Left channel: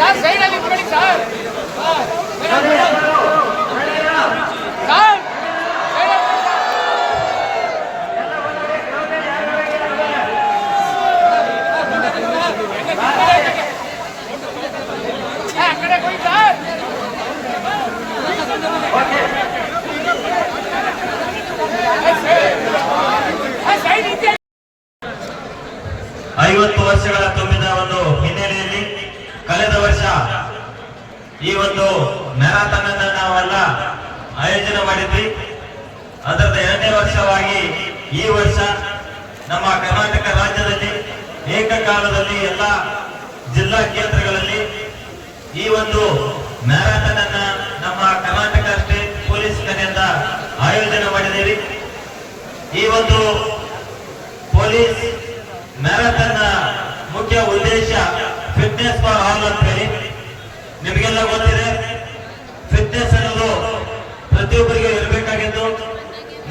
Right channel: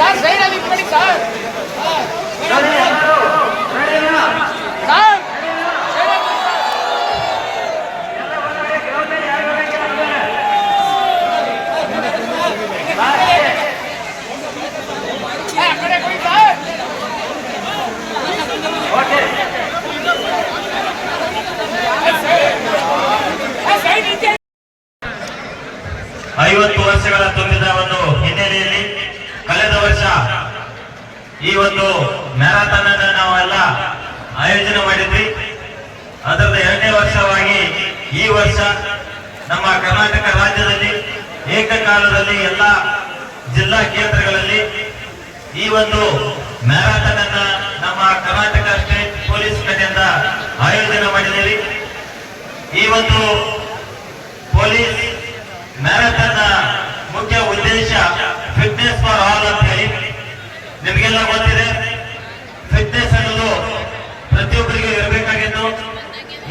Sir ಸೈಡಲ್ಲಿ ನಿಂತ್ಕೊಳ್ಳಿ sir sir ಏ, ಆ ಕಡೆ ಕೊಡಿ ಸರ್ ಏ, ಸೈಡ್ ನಿಂತೆ ಐವತ್ತು ವರ್ಷಗಳ ತುಂಬಿದ ಒಂದು ಹಿನ್ನೆಲೆಯಲ್ಲಿ ಕಳೆದ ವರ್ಷ ಈ ಒಂದು ಮ್ಯಾರಥಾನ್ ಅನ್ನು ನಾವೆಲ್ಲ ಆಯೋಜನೆ ಮಾಡಿದ್ವಿ. ಅದರದ ಎರಡನೇ ವರ್ಷವಾಗಿ ಈ ವರ್ಷ ನಮ್ಮ ಕರ್ನಾಟಕ ರಾಜ್ಯದಲ್ಲಿ ಏಕಕಾಲದಲ್ಲಿ ಎಲ್ಲ ಜಿಲ್ಲಾ ಕೇಂದ್ರಗಳಲ್ಲಿ ಈ ಒಂದು ಮ್ಯಾರಥಾನ್ ಅನ್ನ ನಮ್ಮ ಕರ್ನಾಟಕ ಸ್ಟೇಟ್ ಪೊಲೀಸ್ ಕಡೆಯಿಂದ ಆಯೋಜನೆ ಮಾಡಿದ್ದೀವಿ. ಈ ಒಂದು ಪೊಲೀಸ್ ಮ್ಯಾರಥಾನ್ ಮುಖ್ಯ ಉದ್ದೇಶ ಫಿಟ್ನೆಸ್ ಫಾರ್ ಆಲ್ ಅಂತ ಹೇಳಿ ನಿಮಗೆಲ್ಲ ಗೊತ್ತಿದೆ ಫಿಟ್ನೆಸ್ ಅನ್ನೋದು ಪ್ರತಿಯೊಬ್ಬರಿಗೆ ಇರಬೇಕಾಗಿದ್ದು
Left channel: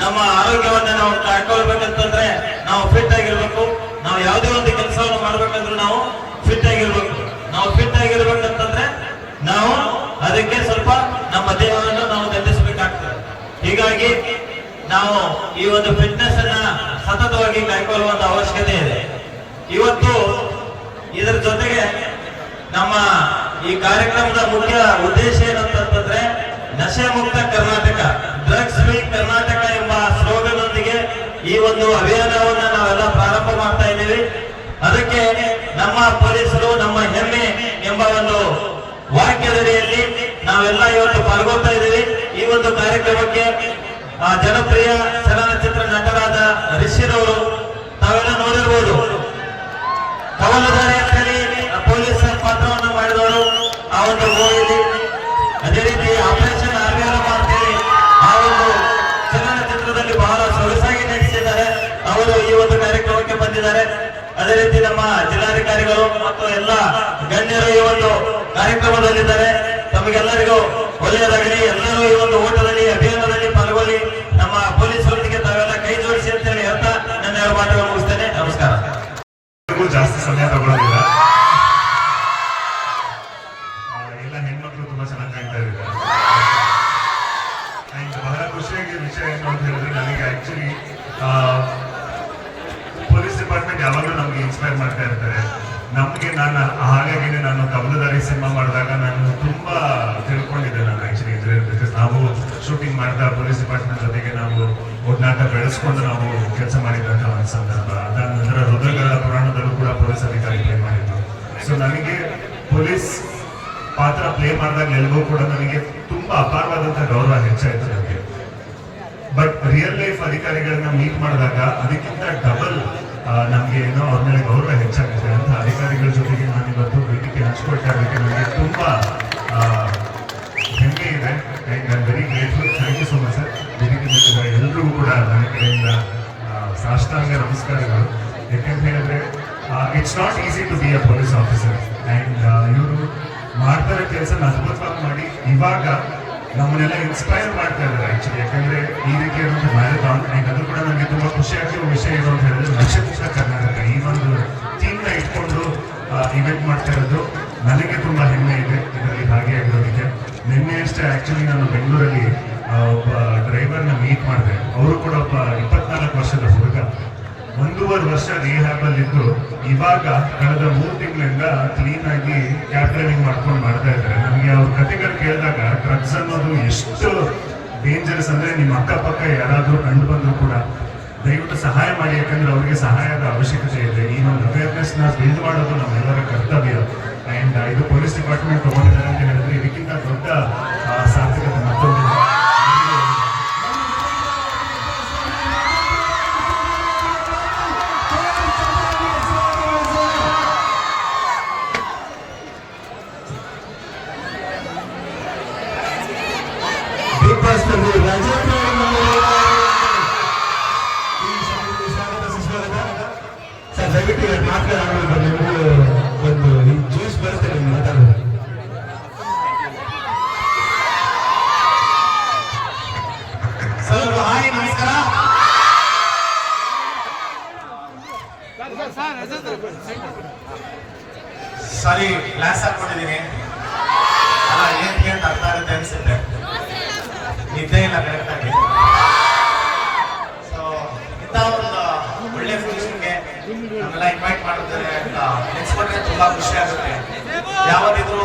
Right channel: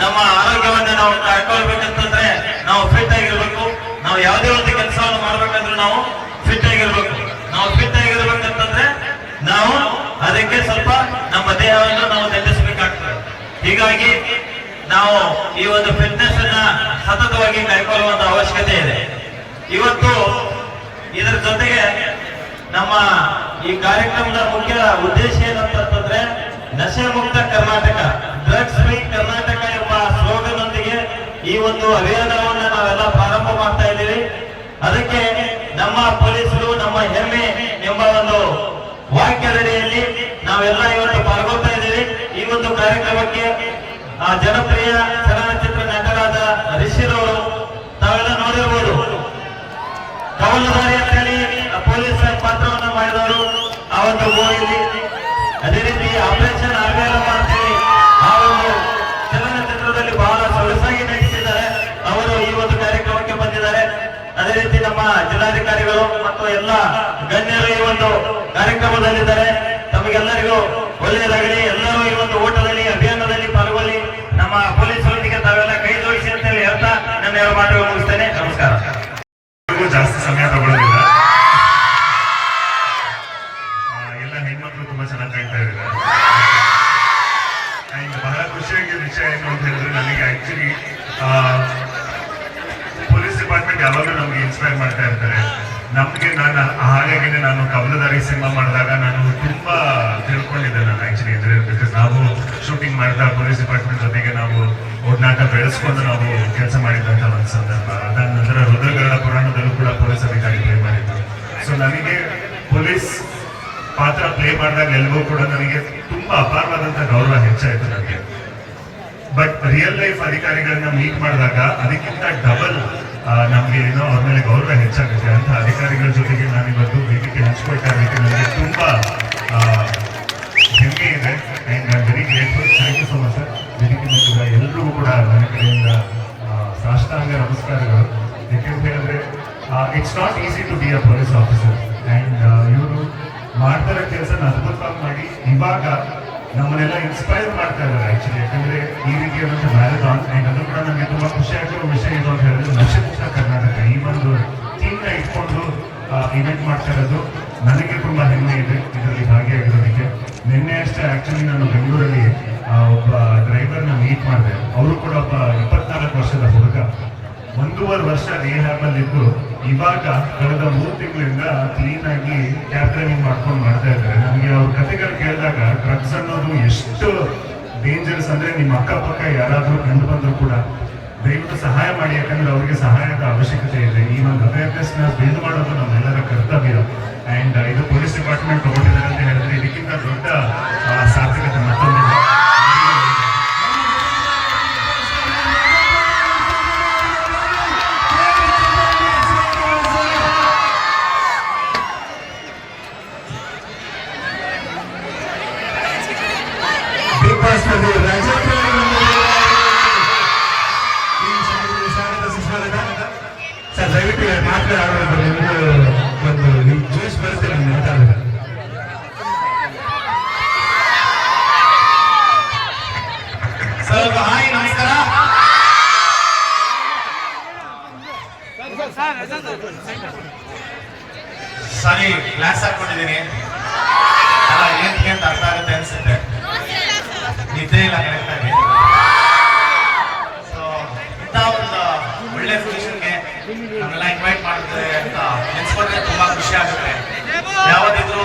ನಮ್ಮ ಆರೋಗ್ಯವನ್ನ ನಾವು ಕಾಡ್ಕೊಳ್ಬೇಕಂತಂದ್ರೆ ನಾವು ಫಿಟ್ ಆಗಿರ್ಬೇಕು. ನಾವು ಯಾವುದೇ ಒಂದು ಕೆಲಸವನ್ನು ಮಾಡ್ಬೇಕಂದ್ರೆ ನಾವು ಫಿಟ್ ಆಗಿರ್ಬೇಕು. ನಾವು ಫಿಟ್ ಆಗಿರ್ಬೇಕಂತಂದ್ರೆ ನಾವು ಅದಕ್ಕೆ ಸ್ವಲ್ಪ ನಮ್ಮ ದೇಹವನ್ನು ನಾವು ನೆಲೆಸಬೇಕಾಗ್ತದೆ ಹೀಗಾಗಿ ನಾವು ಈ ಒಂದು ಫಿಟ್ನೆಸ್ ಅನ್ನ ಸತತವಾಗಿ ಕಾಯ್ಕೊಳ್ಳುವಂತ ಅವಶ್ಯಕತೆ ಇದೆ. ಇವತ್ತು ಇದರ ಜೊತೆಗೆ ನಮ್ಮ ಈ ಕಾರ್ಯಕ್ರಮದ ಮುಖ್ಯ ಉದ್ದೇಶ ಏನಂತಂದ್ರೆ ನಶೆ ಮುಕ್ತ ಕರ್ನಾಟಕ ಡ್ರಗ್ಸ್ ಫ್ರೀ ಕರ್ನಾಟಕ ಈ ಒಂದು ಅಭಿಯಾನವನ್ನ ನಾವೆಲ್ಲ ಪ್ರಾರಂಭ ಮಾಡ್ತಾ ಇದ್ದೀವಿ. ಅದಕ್ಕೆ ನಮ್ಮ ಪೊಲೀಸರು, ನಮ್ಮ ಹೆಮ್ಮೆ ಎಂಬ ಒಂದು ವಾಕ್ಯದಡಿಯಲ್ಲಿ ನಾವೆಲ್ಲ ಇವತ್ತು ಪಾಲ್ಗೊಳ್ತಾ ಇದ್ದೀವಿ. ಈ ಒಂದು ಕಾರ್ಯಕ್ರಮಕ್ಕೆ, ಆ, ಜನಪ್ರಿಯ ಚಲನಚಿತ್ರ ನಟರಾದ ರಿಷಿರವರು ತಾವೆಲ್ಲ ನೋಡಿರ್ಬೋದು. ಪೊಲೀಸರ ಪಾತ್ರವನ್ನು ಮಾಡಿದವರು ಆ ಒಂದು ಅದೇ ರೀತಿ ಆಪರೇಷನ್ ಗಣ್ಯರು ಈ ಒಂದು ಕಾರ್ಯಕ್ರಮದಲ್ಲಿದ್ದಾರೆ. ತಮಗೆಲ್ಲರಿಗೂ ಒಳ್ಳೆಯದಾಗಲಿ. ಎಲ್ಲರೂ ಈ ಒಂದು ಓಟದಲ್ಲಿ, ಅಭಿಯಾನದಲ್ಲಿ ಪಾಲ್ಗೊಳ್ಳಿ. ನಮ್ಮ ಪೊಲೀಸರೊಂದಿಗೆ ತಾವೆಲ್ಲ ಕೈ ಜೋಡಿಸಿ ಅಂತ ಹೇಳಿ ಹೇಳ್ತಾ ನನ್ನ ಎರಡು ಮಾತುಗಳು ಮುಗಿಸ್ತೇನೆ. ನಮಸ್ಕಾರ. ಜಾಸ್ತಿ ಸಮಯ ತಗೊಳ್ಳೋದಿಲ್ಲ ಎಲ್ಲ ಹೆಣ್ಮಕ್ಳು ತುಂಬಾ ಚೆನ್ನಾಗಿ ಕಾಣ್ತಾ ಇದ್ದಾರೆ. ಬಹಳ ಖುಷಿಯಾಗಿ ವಿಷಯ ಏನು ಅಂತ ಹೇಳಿದ್ರೆ ನನಗೆ ಆಕ್ಚುಲಿ ಪೊಲೀಸ್ ಡಿಪಾರ್ಟ್ಮೆಂಟ್ ಯಾವಾಗಲೂ ನಮ್ಗೆ ಇನ್ಸ್ಪೈರ್ ಮಾಡ್ತಾ ಇರ್ತಾರೆ. ನಮ್ಗೆ ನಾನು ಹಾಗಾಗಿ ನಾನು ಕಬಲದಾರಿ ಸಿನಿಮಾ ಮಾಡಿದಾಗ ನಾನು ತುಂಬ ತಿಳ್ಕೊಂಡಿದ್ದೆ ನಾನು ಆ್ಯಕ್ಚುಲಿ ಇದ್ರೆ ಬಿಕಾಸ್ ನಾವು ಶೂಟಿಂಗ್ ಮಾಡಿದ ಪೊಲೀಸ್ ಡಿಪಾರ್ಟ್ಮೆಂಟ್ ಜೊತೆಗೆ ನಾವು ಒಡನಾಟ ಬೆಳೆಸ್ಕೊಂಡು ನಾವು ಕೆಲಸ ಮಾಡಿದ್ದಂಥ ಒಂದು ಸಂದರ್ಭ. ಅದಾದ ನಂತರ ರುದ್ರಗಳ ಪುರಾಣದಲ್ಲೂ ಕೂಡ ಪೊಲೀಸ್ ಅಧಿಕಾರಿ ಪ್ಲೇ ಮಾಡಿದ್ರು. ಸೊ ನನಗೆ ಪೊಲೀಸ್ ಪಾತ್ರ ಪ್ಲೇ ಮಾಡಿದಾಗ ಎಲ್ಗೂ ಕೂಡ ನನಗೆ ತುಂಬ ಅಪಾರವಾದಂಥ ಗೌರವ ಹೆಚ್ಚಾಯಿತು ನನಗೆ. ಬಟ್ ರಿಯಲ್ ಲೈಫ್ ಅಧಿಕಾರಿಗಳನ್ನ ಮೀಟ್ ಮಾಡಿದಾಗ ಅದಕ್ಕಿಂತ ಡಬಲ್ ನಮ್ಗೆ ಏನೋ ಅವ್ರ ಮೇಲೆ ಗೌರವ ಹೆಚ್ಚಾಗುತ್ತೆ ಅಂತ ಅಧಿಕಾರಿಗಳ ಜೊತೆಗೆ ನಾನು ಇವತ್ತು ವೇದಿಕೆ ಹಂಚ್ಕೊಳ್ತಾ ನನಗೆ ತುಂಬ ಹೆಮ್ಮೆ ಇದೆ and I very grateful thank you so much sir ವೇದಿಕೆ ಎಲ್ಲರಿಗೂ ಎಲ್ರಿಗೂ ಕೂಡ ನನ್ನ ಕಡೆಯಿಂದ ಸಾಷ್ಟಾಂಗ ನಮಸ್ಕಾರಗಳು. ಯಾಕೆಂತ ಹೇಳಿದ್ರೆ it's not easy to be a police officer and ಇವರು ಮಾಡ್ತಾ ಇರೋ ಕೆಲಸ ಅದ್ಭುತವಾಗಿ ಮಾಡಿ, ಇವಾಗ ನಮ್ಮನ್ನೆಲ್ಲ ಇನ್ಸ್ಪೈರ್ ಮಾಡ್ತಾ ಇದ್ದಾರೆ ಆಕ್ಚುಲಿ ಯಾಕಂದ್ರೆ ಈ ರೀತಿಯಾದಂಥ ಮ್ಯಾರಥಾನ್ ಅಂಡ್ ಅದು ಕೂಡ ನನಗೆ ತುಂಬಾ ಖುಷಿ ಆಗಿರೋ ವಿಷಯ ಏನು ಅಂತ ಹೇಳಿದ್ರೆ ನಕ್ಷತ್ರ ಕರ್ನಾಟಕ ಈ ಒಂದು ಥೀಮ್ನ ಇಟ್ಕೊಂಡು ಇವೆಂಟ್ ಮಾಡ್ತಾ ಇರೋದು ನನಗೆ ತುಂಬಾ ಹೆಮ್ಮೆ ಇದೆ ಇದರಲ್ಲಿ ಭಾಗಿಯಾಗಿರೋದಕ್ಕೆ ನಿನ್ನೆ ಅಷ್ಟೇ ಆಕ್ಚುಲಿ ನಾನು ಬೆಂಗಳೂರಲ್ಲಿ ಒಬ್ಬ ಡ್ರೈವರ್ನ ಮೀಟ್ ಮಾಡಿದೆ. ಅವರು ಕೂಡ ಒಬ್ಬ ಇಪ್ಪತ್ನಾಲ್ಕು ವರ್ಷದ ಹುಡುಗ. ಒಂದೂವರೆ ವರ್ಷ ರಿಹಾಬಲ್ಲಿದ್ದು ಇವಾಗ ಕಳೆದ ಮೂರು ತಿಂಗಳಿಂದ ಕ್ಲೀನ್ ಆಗಿ ಕ್ಯಾಬ್ ಡ್ರೈವಿಂಗ್ ಮಾಡ್ಕೊಂಡು ಮಾಡ್ತಾ ಇದ್ದಾರೆ. ನನಗೆ ಅವ್ರ ಕಥೆಗಳು ಕೇಳಿದಾಗ ಡ್ರಗ್ಸ್ ಅನ್ನೋದು ಎಷ್ಟು ಡೇಂಜರಸ್ ಅಂದ್ರೆ ನಿಮ್ಮ ಅಕ್ಕಪಕ್ಕ ಯಾರಾದರೂ ಕಂಡು ಬಂದರೂ ಕೂಡ ದಯವಿಟ್ಟು ಸಹಾಯ ಮಾಡಿ, ಯಾಕಂದ್ರೆ ಅವರಿಗೆ ಸಹಾಯದ ಅವಶ್ಯಕತೆ ಇದೆ. ಈ ಅವೇರ್ನೆಸ್ ನಿದ್ದೆ ಇಲ್ಲ ಸೊ ಇಂಥ ಒಂದು ಒಳ್ಳೆ ಫಂಕ್ಷನ್ಗೆ ಇನ್ವೈಟ್ ಮಾಡಿದ್ರೆ ಅಂತ ನೆನ್ಸ್ಕೊಂಡ್ರೆ ತುಂಬಾ ಖುಷಿ ಆಗುತ್ತೆ. ಯಾವತ್ತಿದ್ರು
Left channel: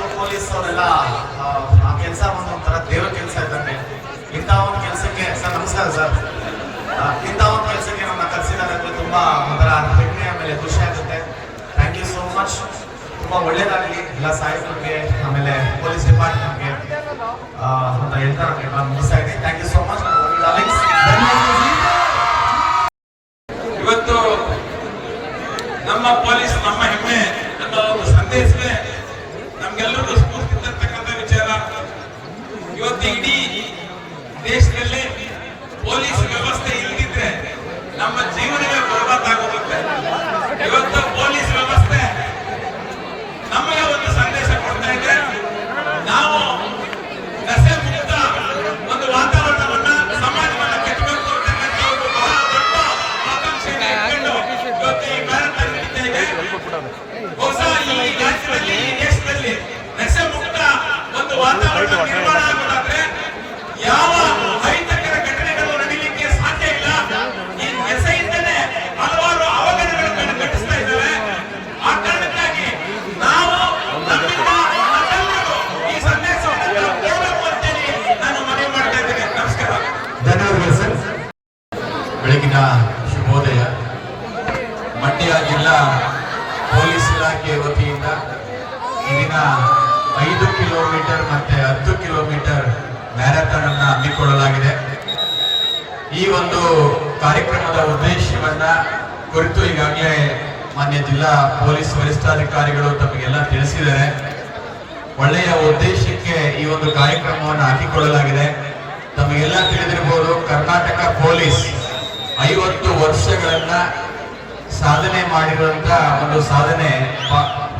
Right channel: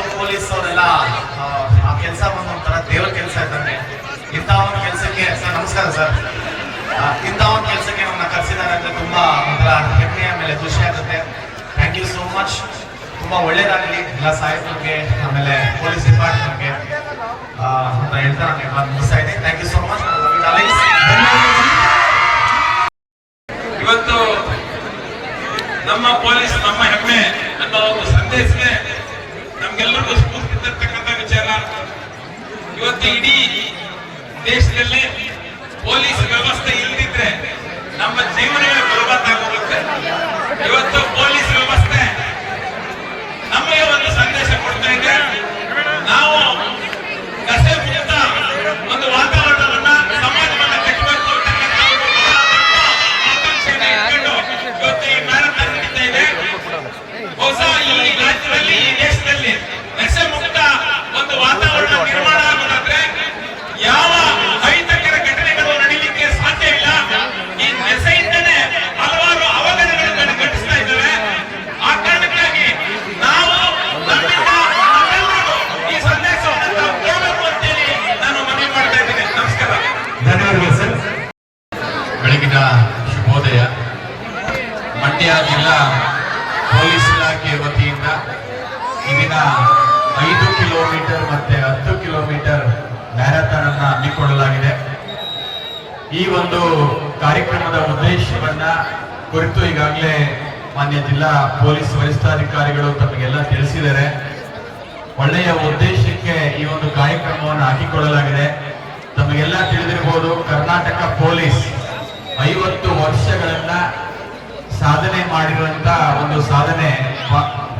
ಬಹುಶಃ ಈ ರಾಜ್ಯದಲ್ಲಿ ಈ ದೇಶದಲ್ಲಿ ಐದು ಕಿಲೋಮೀಟರ್ ಮತ್ತೆ ಹತ್ತು ಕಿಲೋಮೀಟರ್ ಮ್ಯಾರಥಾನ್ ಅನ್ನ ಹಮ್ಮಿಕೊಳ್ಳಲಾಗಿದೆ. ಈ ಒಂದು ಕಾರ್ಯಕ್ರಮದ ಉದ್ದೇಶವನ್ನ ಕುರಿತು ಈಗಾಗಲೇ ಮಾನ್ಯ ಜಿಲ್ಲಾ ಪೊಲೀಸ್ ವರಿಷ್ಠಾಧಿಕಾರಿಗಳು ತಮಗೆಲ್ಲ ತಿಳಿಸಿದ್ದಾರೆ. ಒಳ್ಳೆಯ ಉದ್ದೇಶಕ್ಕೆ ಈ ಒಂದು ಕಾರ್ಯಕ್ರಮವನ್ನು ಹಾಕಿಕೊಳ್ಳಲಾಗಿದೆ. ತಮಗೆಲ್ಲ ತಿಳಿದಿರಬಹುದು ಕರ್ನಾಟಕ ಪೊಲೀಸ್ ಐವತ್ತು ವರ್ಷಗಳನ್ನ ಸಾಧನೆ ಮಾಡಿರುವಂತ ಒಂದು ಸಾಧನೆ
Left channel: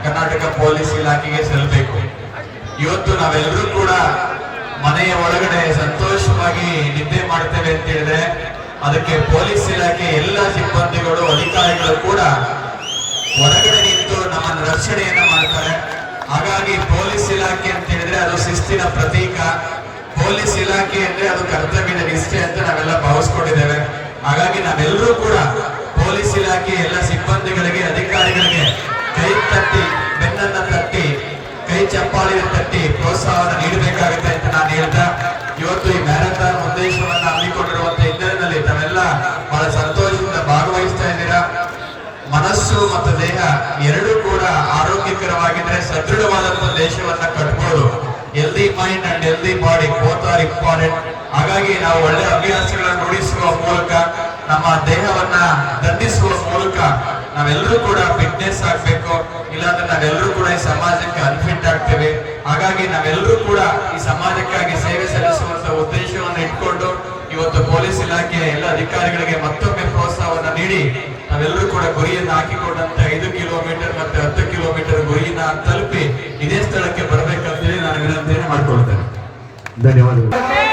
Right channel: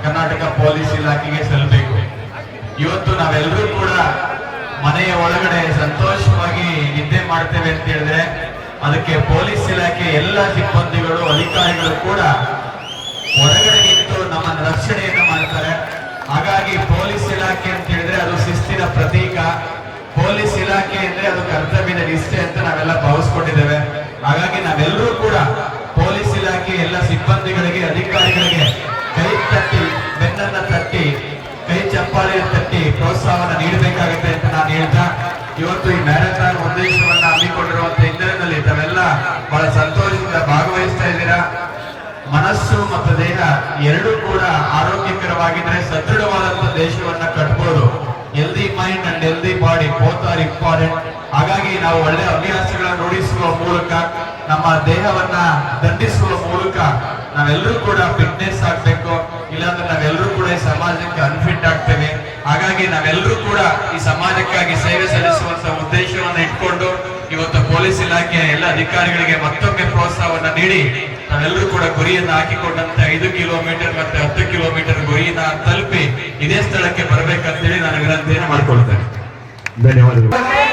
ಕರ್ನಾಟಕ ಪೊಲೀಸ್ ಇಲಾಖೆಗೆ ಸಲ್ಲಬೇಕು ಇವತ್ತು ನಾವೆಲ್ಲರೂ ಕೂಡ ಮನೆಯ ಒಳಗಡೆ ಸಂತೋಷವಾಗಿ ನಿದ್ದೆ ಮಾಡ್ತೇವೆ ಅಂತ ಹೇಳಿದ್ರೆ ಅದಕ್ಕೆ ಪೊಲೀಸ್ ಇಲಾಖೆ ಎಲ್ಲ ಸಿಬ್ಬಂದಿಗಳು, ಅಧಿಕಾರಿಗಳು ಕೂಡ ಹೊರಗಡೆ ನಿಂತು ನಮ್ಮನ್ನು ರಕ್ಷಣೆಯನ್ನು ಮಾಡ್ತಾರೆ. ಹಾಗಾಗಿ ಪೊಲೀಸ್ ಇಲಾಖೆ ಅಂತ ಹೇಳಿದ್ರೆ ಅದು ಶಿಸ್ತಿನ ಪ್ರತೀಕ. ಪೊಲೀಸ್ ಇಲಾಖೆ ಅಂದ್ರೆ ಅದು ಕರ್ತವ್ಯದ ದೇಹವನ್ನ ದಂಡಿಸುವ ಮೂಲಕ ನಾವೆಲ್ಲರೂ ಕೂಡ ಫಿಟ್ನೆಸ್ ಆಗ್ಬೇಕು ಇಲ್ಲಾಂದ್ರೆ ನಾವೆಲ್ಲರೂ ಕೂಡ ಈ ಸಮಾಜಕ್ಕೆ ಅನ್ಫಿಟ್ ಆಗ್ತೇವೆ. ಹಾಗಾಗಿ ನಾವೆಲ್ಲರೂ ಕೂಡ ಈ ಸಮಾಜಕ್ಕಾಗಿ ಸೇವೆ ಸಲ್ಲಿಸುವಂತ ಉದ್ದೇಶವನ್ನ ಇಟ್ಕೊಂಡು ಇವತ್ತು ಪೊಲೀಸ್ ಇಲಾಖೆಯ ಎಲ್ಲ ಅಧಿಕಾರಿಗಳಿಗೆ ಮತ್ತೊಮ್ಮೆ ಪ್ರೋತ್ಸಾಹವನ್ನ ನೀಡಿ ನಾವೆಲ್ಲರೂ ಕೂಡ ಗುರಿಯನ್ನು ಹಾಕಿಕೊಂಡಂತ ಐದು ಕಿಲೋಮೀಟರ್ ಮತ್ತೆ ಹತ್ತು ಕಿಲೋಮೀಟರ್ ಗುರಿಯನ್ನ ತಲುಪಿ ಇದೇ ಸ್ಥಳಕ್ಕೆ ಬರಬೇಕಂತೇಳಿ ನಾನು ವಿನಂತಿಯನ್ನು ಮಾಡ್ಕೊಳ್ತೇನೆ. ಧನ್ಯವಾದಗಳು.